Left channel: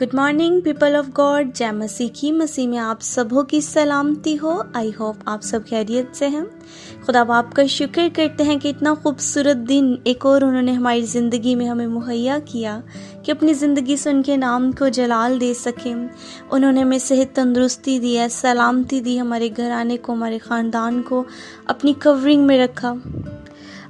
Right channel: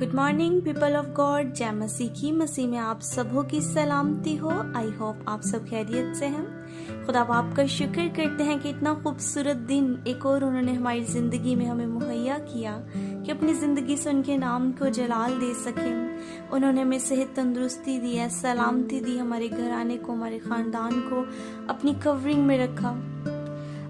Good morning people of God, जय मसीह की मसीह में आप सबों की सलामती हो। आई होप आप सब खैरियत से हैं। खुदा बाप का शुक्र करते हैं कि इतना खूबसूरत दिन एक और उन्होंने हमारी ज़िंदगी में हमें मुहैया किया कि अपनी ज़िंदगी से उनके नाम को जलाल दे सकें। उन्होंने हमें सेहत तंदुरुस्ती दी है, सलामती दी, हमारे घराने को, हमारे ख़ानदान को अपनी कवरिंग में रखा।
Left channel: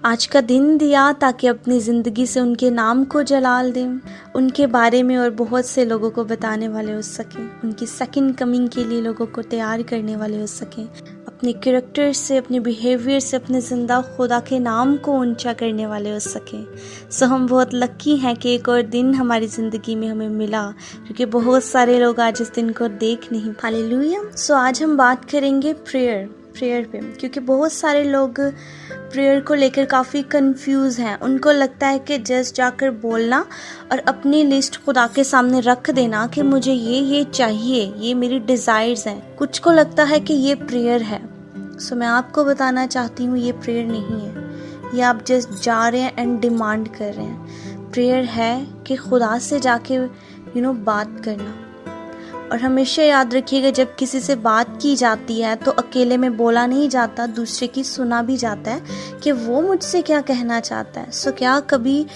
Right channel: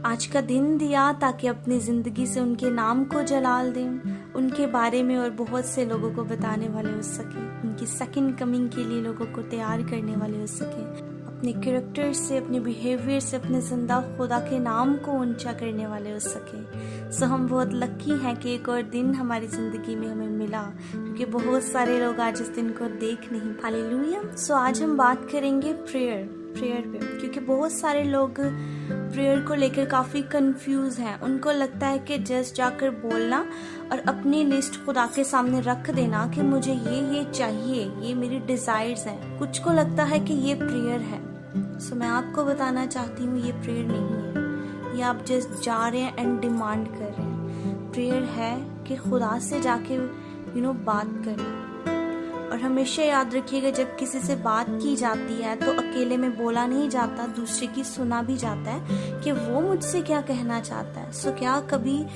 आज का दिन दिया ताकि अपनी ज़िंदगी से उनके नाम को जलाल दें, उनके बारे में और बहुत से लोगों को बताने वाले हो सकें, उनकी सेकंड कमिंग के लिए लोगों को तैयार करने वाले हो सकें, अपने कैरेक्टर से, अपने बिहेवियर से अपने ज़िंदा खुदा के नाम को ऊंचा करने वाले हो सकें। सो हम बहुत लकी हैं कि एक और दिन हमारी ज़िंदगी में हमें मिला, क्योंकि बहुत सारे लोग आज इस दिन को देख नहीं। हालेलुया। सो आज हम बात करेंगे प्रेयर पे, क्योंकि बहुत सारे लोग प्रेयर को लेकर काफ़ी कंफ्यूज हैं। उनको लगता है कि जस्ट जाकर बोलना और अपनी लिस्ट खुदा के सामने रख देना कि मुझे ये चाहिए, ये मेरी डिज़ायर्स हैं। कुछ को लगता है कि ये प्रेयर है। सो मैं आपको बताना चाहती हूँ ये प्रेयर नहीं है। ये आप जस्ट जा रहे हैं एंड डिमांड कर रहे हैं। प्रेयर है कि खुदा से जाके बात करना। और हमेशा याद रखिएगा, जब किसी से बात की जाती है तो अकेले में बोला नहीं जाता, दूसरे की सुना भी जाता है कि वो मुझसे क्या कहना चाहता है। सो क्या कभी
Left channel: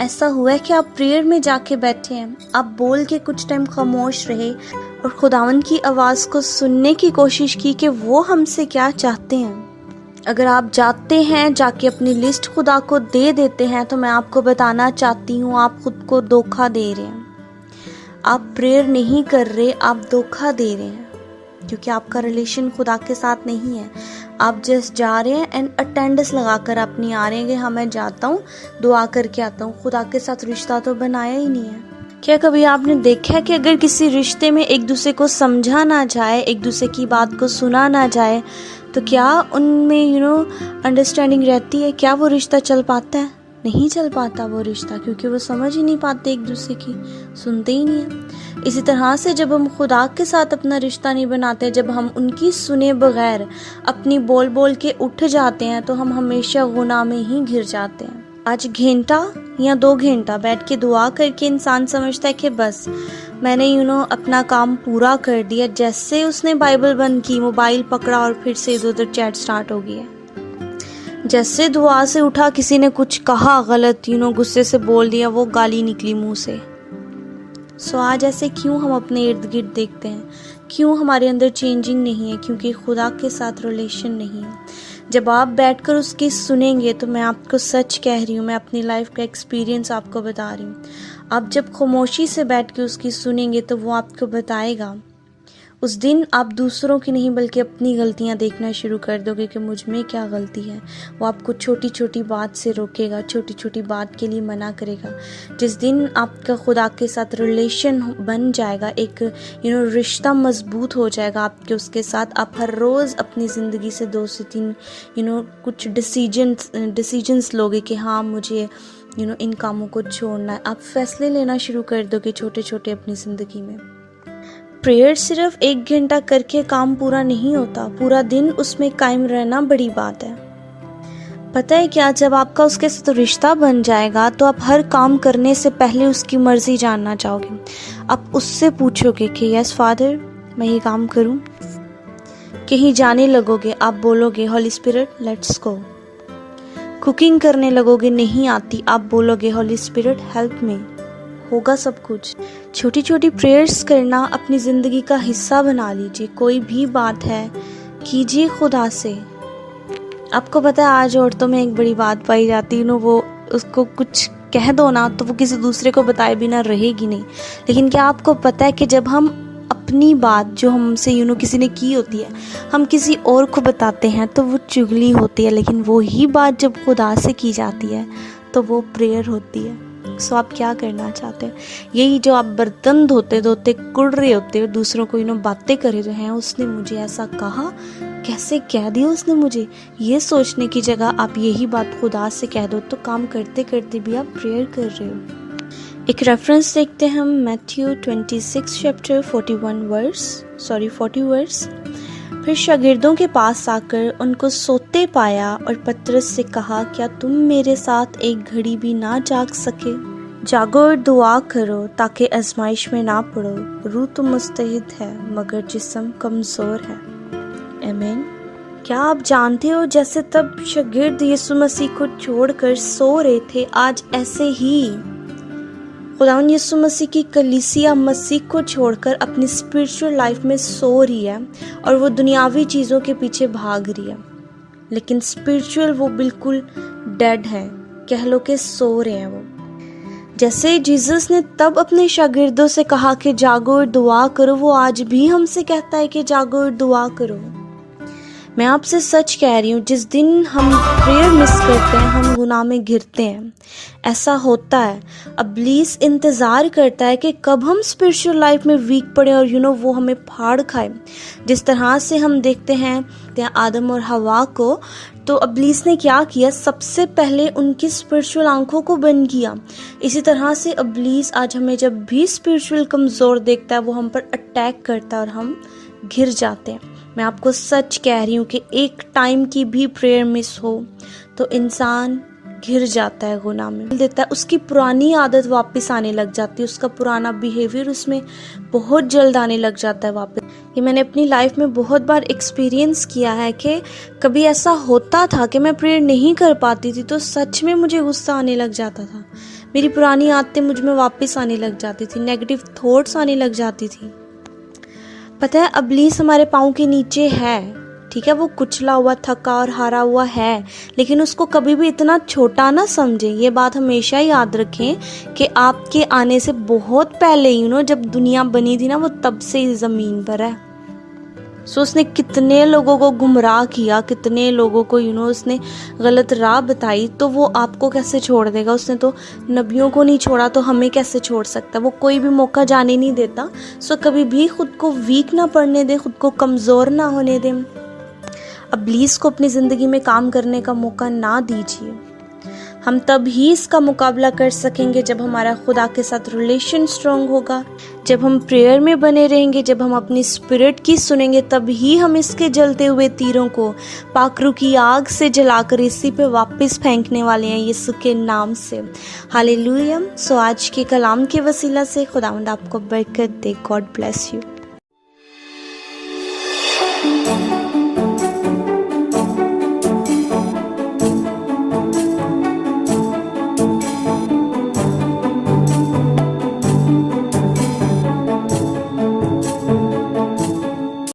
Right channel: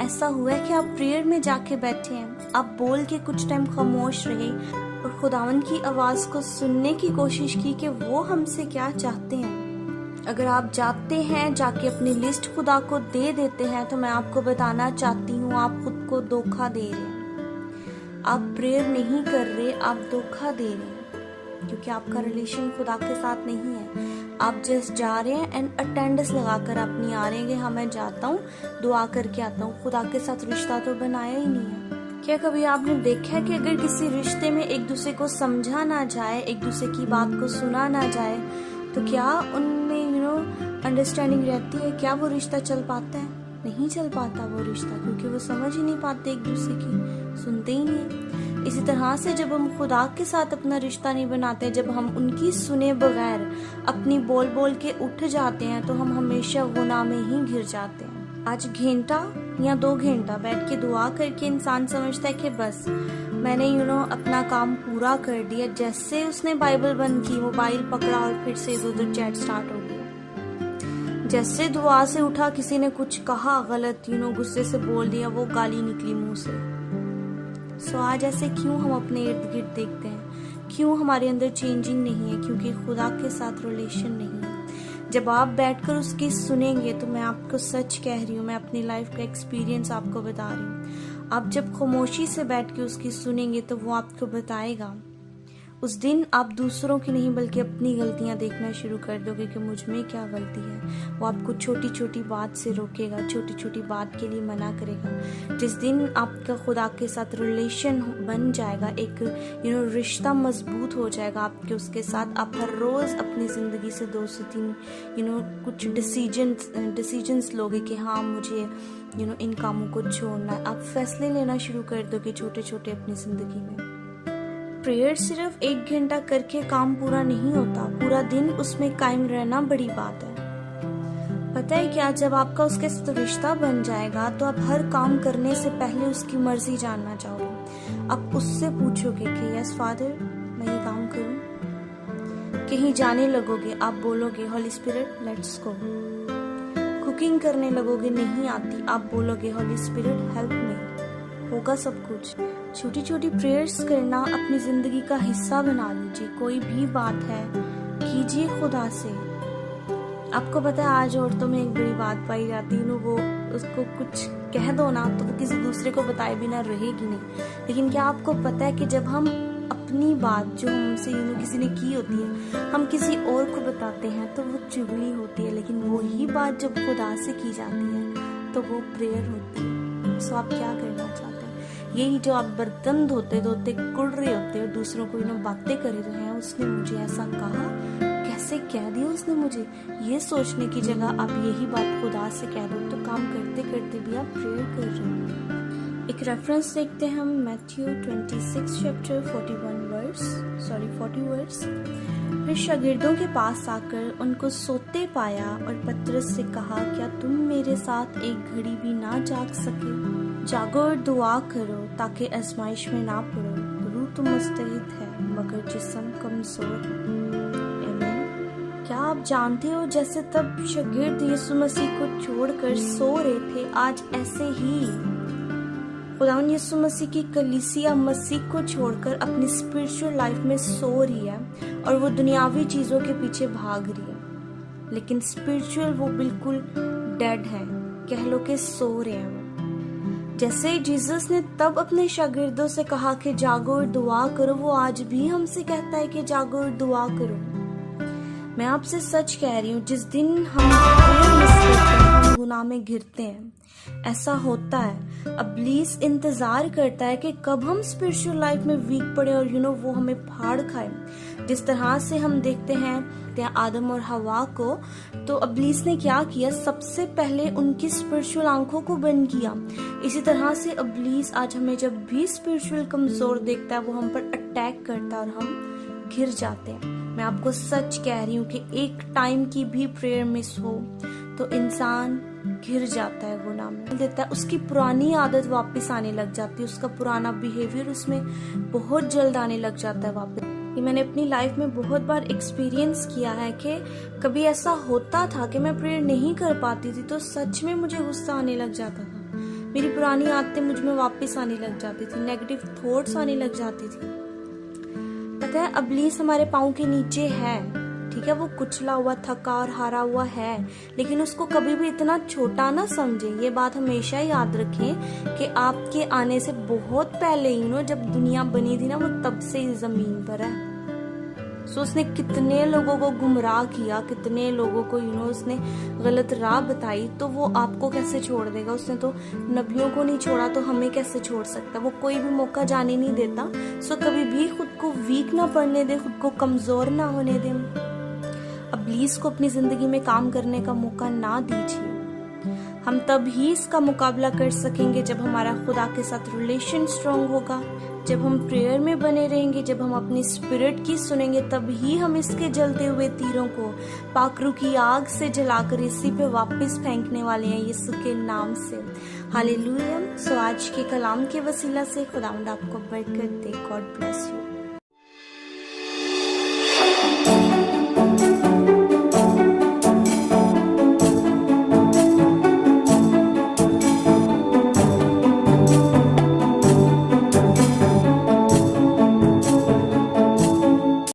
ऐसा हुआ है कि आप प्रेयर में जाके बैठे हैं, आप बोल के कुछ टाइम खामोश रहे और खुदावन की आवाज़ को सुनने की कोशिश की कि वो हमसे क्या चाहते हैं? अगर आप जाते हैं, जाके अपनी लिस्ट खुदा को दे देते हैं, तो मैं आपको बताना चाहती हूँ आप खुद को धोखा दे रहे हैं। आप प्रेयर नहीं कर रहे, आप धोखा दे रहे हैं, क्योंकि आपका रिलेशन खुदा के साथ नहीं है। आप जस्ट जा रहे हैं एंड अटेंडेंस लगाकर आप नहीं आ रहे हैं कि हाँ मैं जाता हूँ, दुआ करके आता हूँ। खुदा के साथ रिश्ता तो बनाया ही नहीं है। क्या कभी आपने देखा है कि अगर किसी रिश्ते में एक दूसरे को समझा ना जाए, एक दूसरे की बात को सुना ना जाए, तो क्या उनमें अंडरस्टैंडिंग रहती है? क्या वो रिश्ता चल पाता है? नहीं चल पाता वो रिश्ता, क्योंकि वो समझ ही नहीं पाते एक दूसरे की, सुनते ही नहीं है। इसी तरह से जब हम खुदा के साथ अपना रिश्ता नहीं बनाते, जब हम उनकी सुने बगैर अपनी बोल बोल के उठ जाते हैं, तो हम हमेशा गुनाह में ही घिर जाते हैं। आज घंटा या 2 घंटा बैठ के दुआ करके इंसान समझता है कि बस मैंने अपना काम पूरा कर दिया। जैसे उसने बाइबल बंद की, मोबाइल पकड़ा और फिर से इधर उधर चैट स्टार्ट हो गया। जैसे दुआ से उठा, किसी ने कुछ कहा गलत, गुस्से से बोल दिया, वो गाली निकली मुंह से। सो आज ऐसे क्यों हम अपने इर्द गिर्द देखते हैं? क्यों हमारे अंदर चेंजिंग नहीं है? क्योंकि खुदा के साथ रिलेशन नहीं है। जब आप बैठकर उसकी सुनेंगे, तो मैं आपको सच कह रही हूँ, मैं अपनी लाइफ का एक्सपीरियंस आपको बता रही हूँ। आप जब खामोशी से बैठ के उसकी सुनेंगे, तो वो आपको बताएगा। उस दिन आप दूसरों की नहीं बल्कि अपनी गलतियां देखना शुरू कर दोगे कि मुझ में क्या गलती है। वो आपको छोटी छोटी बात से रोकेगा, छोटी छोटी बात के लिए मना करेगा। जिस दिन आपका खुदा के साथ रिलेशन बन जाएगा, एक रिश्ता मजबूत हो जाएगा आपके उसके साथ, आप हर रोज़ अपनी ज़िंदगी से 2 से 3 कुछ डिसीजंस लोगे कि हाँ मुझे इन कामों को छोड़ना है। आप फैसले लेना शुरू कर दोगे छोटे छोटे अपनी ज़िंदगी में। प्रेयर सिर्फ 1 घंटा करके काम पूरा नहीं होता, पूरा दिन उसमें कायम रहना बड़ी बात है। पता है क्या, जब आपका उसके साथ रिश्ता बन जाएगा, तो आप हर काम करने से पहले उसकी मर्जी जानना चाहोगे। आप उससे पूछोगे कि यस फादर, मैं ये काम करूं। कहीं जाने लगोगे, आप बोलोगे हॉली स्पिरिट लेट्स गो। कुकिंग करने लगोगे, नहीं आती, आप बोलोगे हॉली स्पिरिट हेल्प मी। होगा सब कुछ। छोटी छोटी प्रेयर्स करना अपनी ज़िंदगी का हिस्सा बना लीजिए। कोई भी बात है कीजिए खुदा से। आपको पता है आज औरतों में एक बड़ी बात पाई जाती है, वो उसको कुछ कह दो ना तो वो किसी दूसरे को बताए बिना रहेगी नहीं। लेकिन क्या आपको पता है कि जब हम अपनी बात जो हमसे किसी ने की होती है, हम किसी और को बताते हैं तो वो चुगली होती है, लेकिन वो ही बात जब खुदा से की जाती है तो वो प्रेयर होती है। सो आप क्या करना चाहते हैं? यही जो आप बर्तन धोते धोते कुड़ रहे होते हो, दूसरों को बातें कर रहे हैं, उसने मुझे ऐसा कहा, कैसे कह दिया उसने मुझे, ये सोचने की जगह आप यही बात खुदा से कह दो, तो काम करते करते भी आप प्रेयर कर रहे हो। एक रेफरेंस देखते हैं हम, मैथ्यू 26 चैप्टर 40 वर्स। फिर शागिर्दों के पास आकर उनको सोते पाया और पतरस से कहा, क्या तुम मेरे साथ एक घड़ी भी ना जाग सके? जागो और दुआ करो ताकि आजमाइश में ना पड़ो। रूह तो मुस्तैद है मगर जिस्म कमज़ोर है। आमीन। क्या आप जानते हो जैसे तब शागिर्द यीशु मसीह को छोड़कर सो रहे थे, आज ऐसे ही खुदावंद यीशु मसीह की कलीसिया मसीह को छोड़कर अपनी स्पिरिचुअल लाइफ में सो रही है और वो दुनियावी चीज़ों के पीछे भाग रही है, लेकिन स्पिरिचुअल वो बिल्कुल डेड है, कह लो कि सो रहे हैं वो। जैसे जीसस ने तब अपने शागिर्दों से कहा कि जागो और दुआ करो, वो आज भी हमसे कहता है कि जागो और दुआ करो। मैं आपसे सच कह रही हूँ, जिस दिन हम प्रेयर मिस करते हैं हम गुनाह में गिरते हैं। ऐसा होता है, इब्लीस इंतज़ार करता है कि कब हम स्पिरिचुअल लाइफ में वीक पड़े और वो हमें फाड़ खाए। जिस तरह से हम देखते हैं आदम और हवा को, तो इब्लीस ने क्या किया, सबसे पहले उनकी स्पिरिचुअल आंखों को बंद किया। इसी तरह से इब्लीस आज हमें जब भी स्पिरिचुअल कमज़ोर देखता है वो हम पर अटैक करता है और हम घिर जाते हैं। मैं आपको सच कह रही हूँ कि एक टाइम की भी प्रेयर मिस हो तो इंसान घिर जाता है, गुनाह में देता है, उसकी पुरानी आदत वापस आने लग जाती है, उसका पुराना बिहेवियर उसमें बहुत जल्द आने लग जाता है वापस। ये मैंने अपनी लाइफ में बहुत बार एक्सपीरियंस किया है कि कभी ऐसा होता था कि मैं प्रेयर नहीं कर पाती थी तो सच में मुझे गुस्सा आने लग जाता था, मेरी पुरानी आदतें मुझ में वापस आने लग जाती थी, नेगेटिव थॉट्स आने लग जाती थी। पता है, इब्लीस हमारे पाँव के नीचे है, ठीक है, वो कुचला हुआ, थका और हारा हुआ है, लेकिन उसको कभी भी इतना छोटा ना समझें। ये बात हमेशा याद रखें कि आपके आने से बहुत पहले जब दुनिया बनी थी ना, वो तब से इस ज़मीन पर है। सो उसने कितने लोगों को गुमराह किया, कितने लोगों को उसने गलत राह बताई, तो वो आपको कैसे छोड़ देगा। उसने तो नबियों को नहीं छोड़ा तो हमें कैसे छोड़ सकता। वो कोई भी मौका जाने नहीं देता। सो कभी भी खुद को वीक ना पड़ने दें, खुद को कमज़ोर ना होने दें। इब्लीस को अपनी ज़िंदगी में काम करने का मौका ना दीजिए। हम तब ही इसका मुकाबला कर सकेंगे जब हमारा खुदा के साथ रिलेशन स्ट्रॉन्ग होगा, जब हम प्रेयर में बने रहेंगे, जब हम अपनी स्पिरिट की सुनेंगे, तब ही हम इसके जलते हुए तीरों को पाखरू की आग से जलाकर इसी पे वापस फेंकने वाले हैं, यीशु के नाम से। हालेलुया। सो आज के कलाम के वसीला से खुदावंद आपको बरकत दे। God bless you.